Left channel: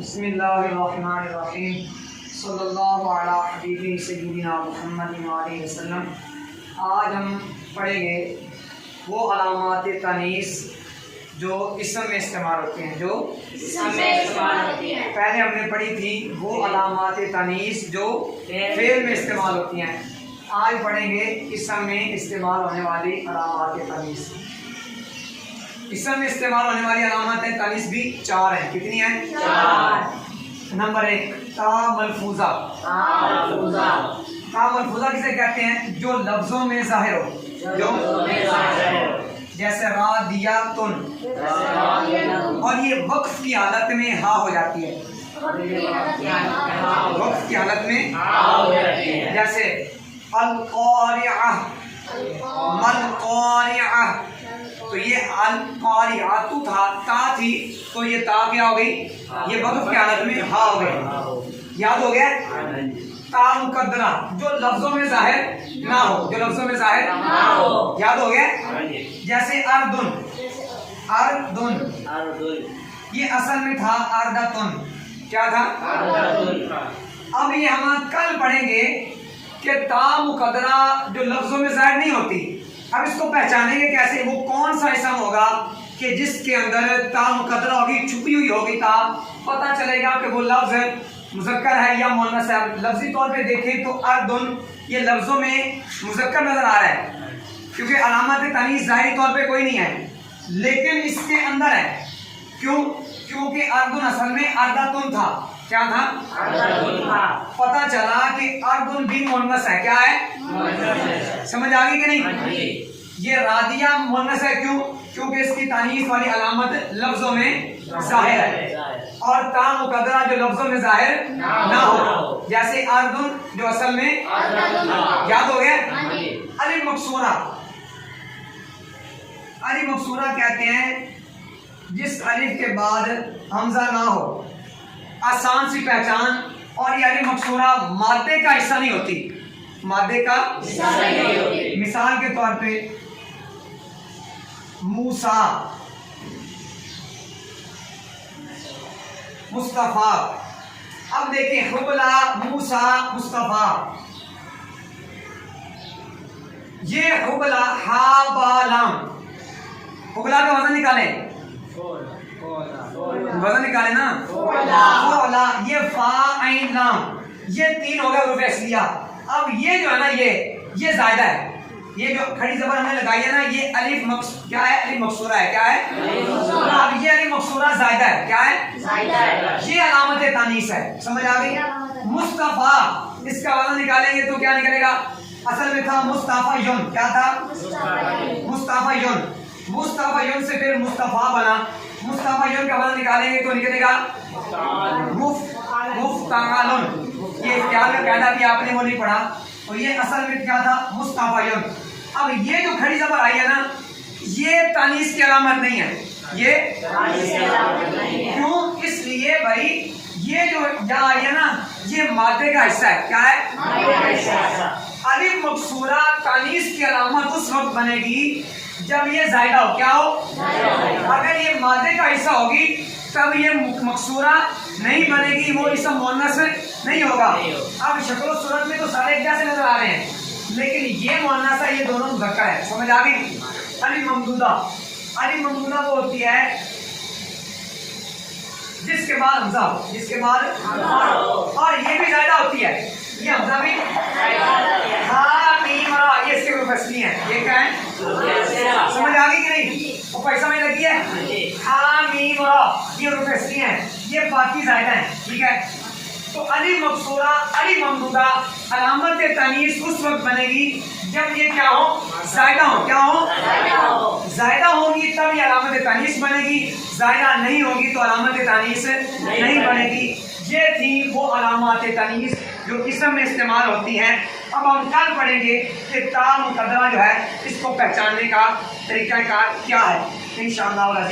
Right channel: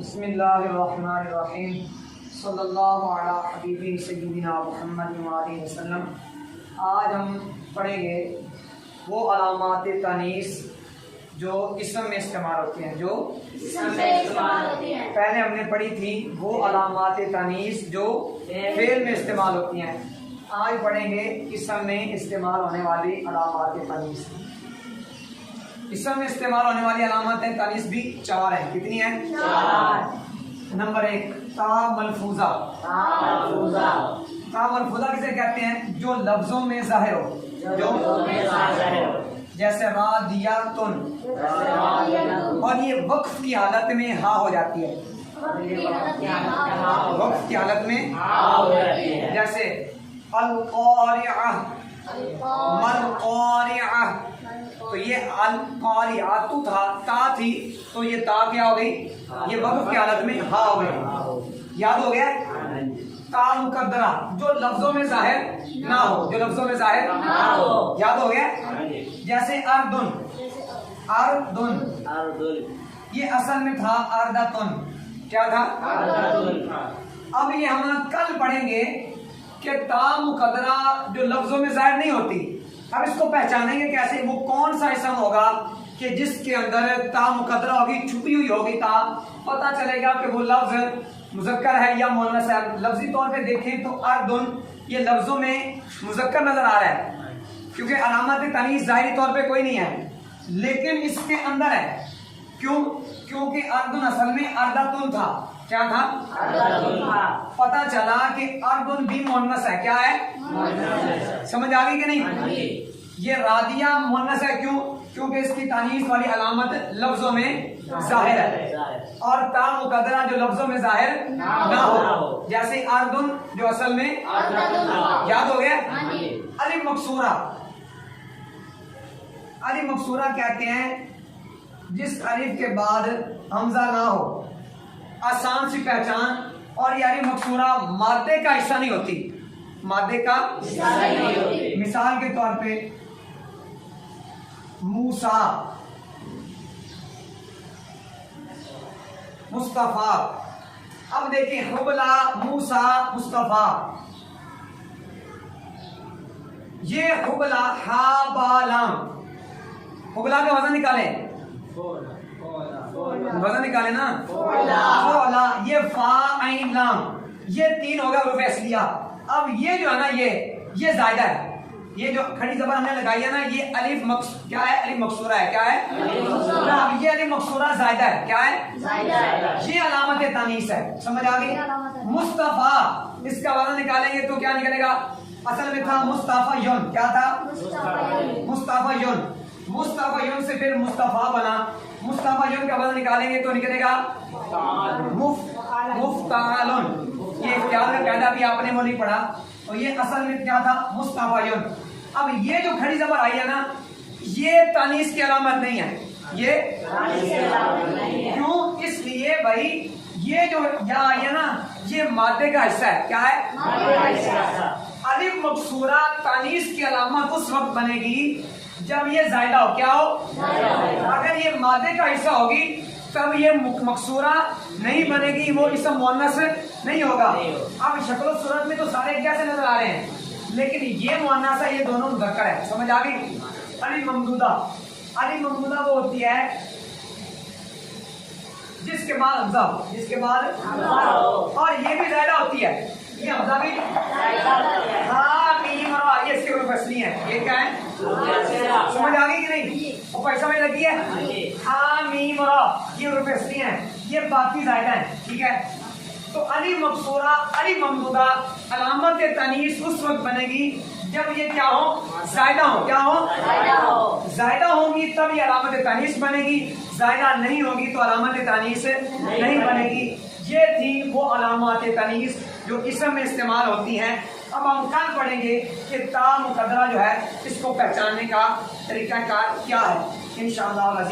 بسم اللہ الرحمن الرحیم صلی اللہ علی حبیبی سیدنا محمد علیہ وسلم۔ آج ہم پڑھیں گے وہ علامات تانیث جو اسم میں استعمال ہوتی ہیں، پہلے ہم نے پڑھی تھی وہ علامات تانیث جو فعل میں استعمال ہوتی ہیں۔ آج پڑھیں گے اسم میں استعمال ہونے والی علامات تانیث۔ اسم میں استعمال ہونے والی علامات تانیث بھی 4 ہیں۔ کتنی ہیں؟ 4۔ نمبر 1 تا ملفوظہ۔ تا ملفوظہ کسے کہتے ہیں؟ جو لفظوں میں ظاہر ہو، جیسے رادیاتن، اور یہ وقف کی حالت میں ہا ہو جاتی ہے۔ وقف کی حالت میں جیسے القارعہ، ملقارعہ، تو یہ القارعۃ تھا، تا تھی، تو یہ تا کیا ہو گئی؟ یہ وقف کی حالت میں ہا ہو گئی۔ یاد ہو گیا؟ تا مقدرہ جو لفظوں میں ظاہر نہ ہو، جو لفظوں میں ظاہر نہ ہو، یاد ہو گیا؟ جیسے اردن، اردن یہ اصل میں تھا اردتن، کیا تھا؟ اب یہ ہم کل پڑھیں گے کہ تا مقدرہ جو لفظوں میں ظاہر نہیں ہوتی، اب اس کو پہچانیں گے کیسے؟ وہ کون سا اسم ہوگا کہ جس کے اندر تا مقدرہ ہوگی، چھپی ہوئی ہوگی تا، پتہ چلے گا کہ وہ لفظ مذکر ہے یا مؤنث ہے۔ لفظی طور پہ دیکھیں تو اردن یہ لفظوں میں مذکر نظر آ رہا ہے، کیونکہ علامات تانیث ظاہری طور پہ کوئی نہیں ہے، لیکن اس کے اندر ہے۔ کیوں؟ کیونکہ اردن اصل میں اردتن تھا۔ کیا تھا؟ پتہ چلا کہ اردن بھی مؤنث ہے۔ کیا ہے؟ سمجھ آ گئی کہ نہیں؟ یہ رادیہ مؤنث ہے، کیوں؟ کیونکہ اس کی تانیث والی علامت لفظوں میں ظاہر ہے، اور تا مقدرہ جو لفظوں میں ظاہر نہ ہو، جیسے اردن جو اصل میں، یاد ہو گیا؟ الف مکسورہ، الف مکسورہ کہتے ہیں جس الف کے بعد حمزہ نہ ہو، آسان سی پہچان، اور یہ الف مکسورہ مادے کا حصہ نہیں ہوتی، مادے کا حصہ نہیں ہوتی۔ مثال کے طور پہ موسیٰ، مصطفیٰ۔ اب دیکھیں حبلہ، موسیٰ، مصطفیٰ، یہ حبلہ ہا با لام، حبلہ کا وزن نکالیں، وزن نکالیں نا، حبلہ، یہ فا عین لام، یہ 3 ہوگا حروف اصلیہ۔ اب یہ جو ہے نا یہ زائدہ ہے، یہ جو کھڑی زبر ہم نے لگائی ہے نا، یہ الف کیا ہے؟ الف مکسورہ ہے۔ کیا ہے؟ اب یہ الف مکسورہ زائدہ ہے۔ کیا ہے؟ یہ علامت تانیث ہے۔ سمجھ آ گئی؟ مصطفیٰ، اس کا وزن نکالیں گے تو کیا نکلے گا؟ اصل میں تھا مصطفیٰ، کیا تھا؟ مصطفیٰ، مصطفیٰ سے پھر مصطفیٰ بنا، مصطفیٰ کا وزن نکالیں گے تو نکلے گا مفتعل۔ یہ اختیار کا قاعدہ بھی آپ نے وہ نہیں پڑھا، اور یہ اصل میں کیا تھا؟ مصطفیٰ۔ اب یہ جو کھڑی زبر آئی ہے نا، یہ تانیث کی علامت نہیں ہے۔ یہ کیوں؟ اس لیے بھائی یہ جو یا آئی ہے نا، یہ مادے کا حصہ ہے۔ کیا ہے؟ الف مکسورہ تانیث کی علامت اس وقت بنے گی جب یہ زائدہ ہو۔ کیا ہو؟ اگر یہ مادے کا حصہ ہوگی تب یہ مکسورہ نہیں بنے گی، وہ اسم مؤنث نہیں ہوگا۔ اب شکل و صورت میں تو سارے کیسے نظر آ رہے ہیں، لیکن یہ مؤنث ہے، یہ دونوں مذکر ہے۔ سمجھ آ گئی؟ الف ممدودہ، الف ممدودہ وہ ہوتی ہے جس کے بعد حمزہ ہو، جس کے بعد، اور یہ بھی زائدہ ہوتی ہے، یہ حمزہ بھی، ہاں میم را، یہ اس کے حروف اصلی ہیں۔ یہ کیا ہے؟ سمجھ آ گئی کہ نہیں؟ وہ پیسہ میں لگی ہے، ہاں میم را، یہ حروف اصلی ہیں، یہ باقی زائدہ ہیں۔ ٹھیک ہے؟ تو الف مکسورہ، الف ممدودہ علامت تانیث اس وقت بنے گی جب یہ کیا ہو؟ زائدہ ہو۔ کیا ہو؟ زائدہ ہوگی تب یہ علامت تانیث بنے گی، زائدہ نہیں ہوگی تو علامت تانیث نہیں بنے گی۔ یہ تھی وہ علامات تانیث جو اسم میں استعمال ہوتی ہیں۔ اب ہم کل پڑھیں گے کہ تا مقدرہ جو ہے اس کو پہچاننے کا طریقہ کار کیا ہے، انشاءاللہ۔